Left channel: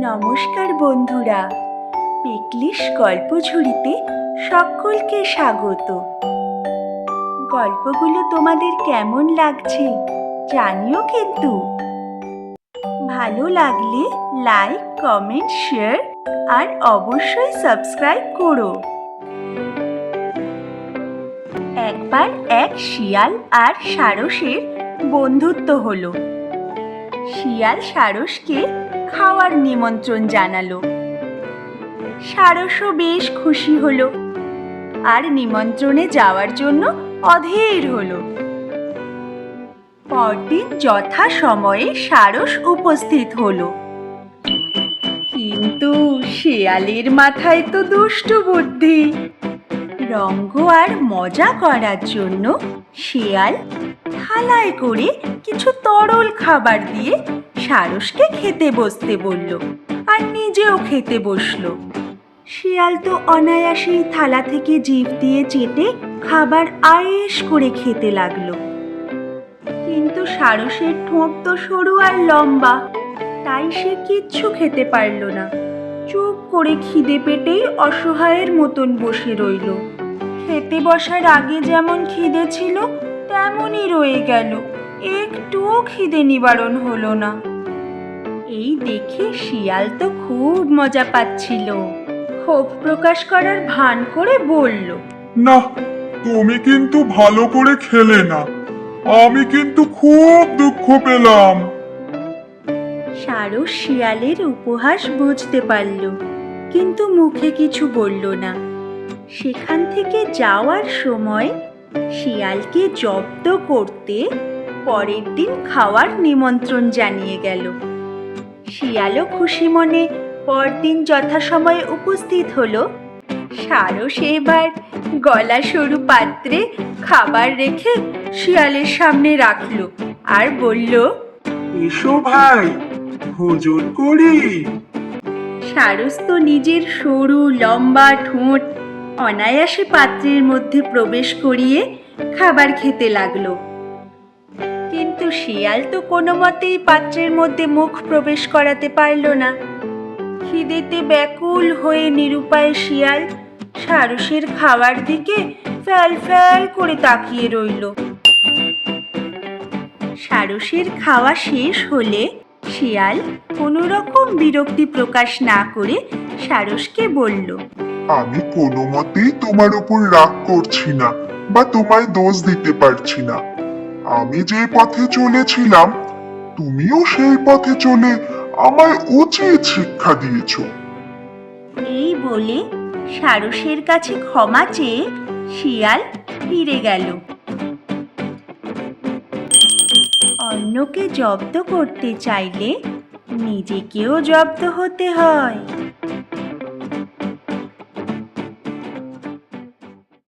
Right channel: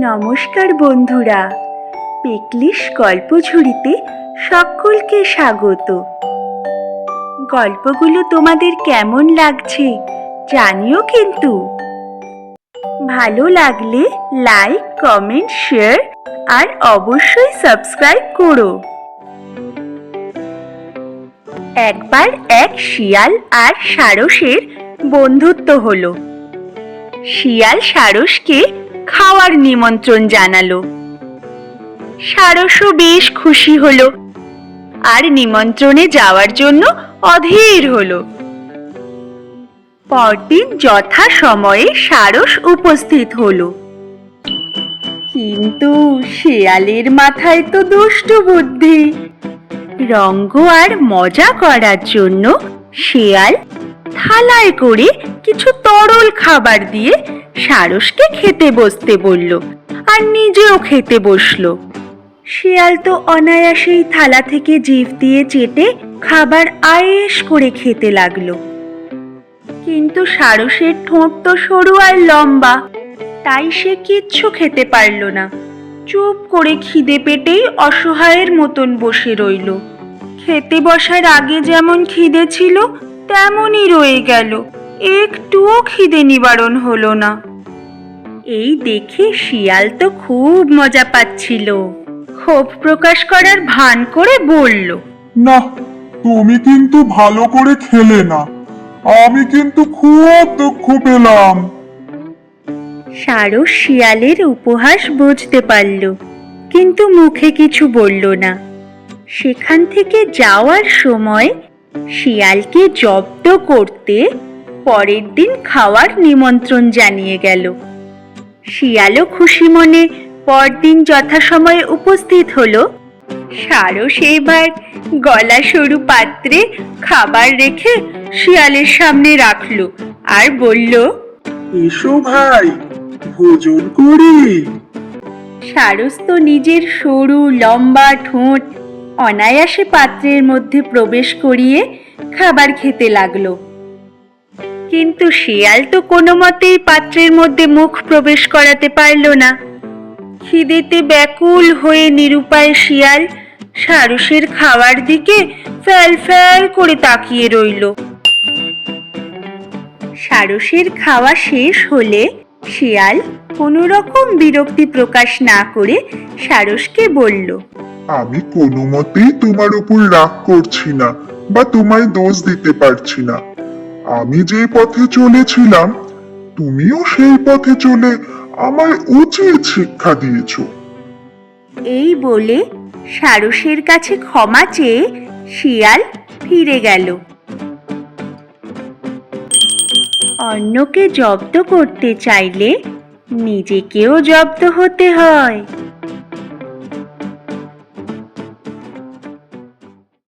নমস্কার বন্ধুরা। পেকলিশ গল্প ঝুড়িতে সকলকে স্বাগত। গল্পগুলো তোমাদের কেমন লাগছে জানিও কিন্তু। ভালো লাগলে লাইক, কমেন্ট, শেয়ার আর অবশ্যই সাবস্ক্রাইব করো। একবার এক শিয়াল আর সারসের বন্ধুত্ব হলো। শিয়াল সারসকে খাওয়ার নিমন্ত্রণ জানালো। সারসও বেশ খুশি হলো আর নিমন্ত্রণে যাওয়ার জন্য অধীর হলো। পরদিন যথা সময়ে সারস উপস্থিত হলো। কিন্তু শিয়ালের মাথায় তো দুষ্টু বুদ্ধি। রঙ্গ আর মজা করার জন্য শিয়াল থালায় করে কিছু তরল খাবার দিয়ে সারসকে খেতে বসতে বলল আর নিজেও খেতে বসল। শিয়াল তো অনায়াসেই থালা থেকে জিভ দিয়ে চেটে খাবার আয়েস করে খেতে লাগল। কিন্তু সারসের ঠোঁট তো সরু আর লম্বা, তাই সে কিচ্ছু খেতে পারল না। চুপ করে খিদে পেটেই অসহায়ের মতন বসে রইল। খেতে বসার আগে যেমন খিদে ছিল তেমনই রয়ে গেল। একটুও খিদে নিবারণ হলো না। এই দেখে শিয়াল তো খুব মজা পাচ্ছিল। ক্ষোভ প্রকাশ করার ভান করে বলল না তুমি কিন্তু ভালো করে খেলে না। আমি কিন্তু খুব দুঃখ পেলাম। সারস শিয়ালের উপহাস বুঝতে পারল কিন্তু মুখে কিছু বলল না। সেখান থেকে যাওয়ার সময় শিয়ালকে জব্দ করতে পরের দিন খাওয়ার নিমন্ত্রণ জানিয়ে গেল। শিয়ালও খুশি মনে পরদিন যথাসময়ে উপস্থিত হলো। সারস এবার গলা সরু পাত্রে খাবার রেখে শিয়ালের সামনে রাখল আর বলল এসো ভাই ভোজন করি। সারস তো নিজের সরু লম্বা ঠোঁট অনায়াসে পাত্রের মধ্যে প্রবেশ করিয়ে খাবার খেতে লাগল। কিন্তু শিয়াল তো কোনো মতেই পাত্রের মধ্যে মুখ প্রবেশ করাতে পারল না। খিদেতে ব্যাকুল হয়ে নিরুপায় শিয়াল সারসের খাওয়ার দিকে ফ্যাল ফ্যাল করে তাকিয়ে রইল। সারসের খাওয়া শেষ হলে শিয়াল কোনো রকম বিরক্তি প্রকাশ না করে সারসকে বলল আমি কোনো মতেই তোমার উপর রাগ করছি না বা তোমার দোষ দিতে পারছি না। আমি যে পথে চলেছিলাম, তুমিও সেই পথে চলে আমার উচিত শিক্ষা দিয়েছ। এই বলে সারসের কাছে ক্ষমা চেয়ে শিয়াল ফিরে গেল। অন্যকে জব্দ করতে চাইলে নিজেকেও জব্দ হতে হয়।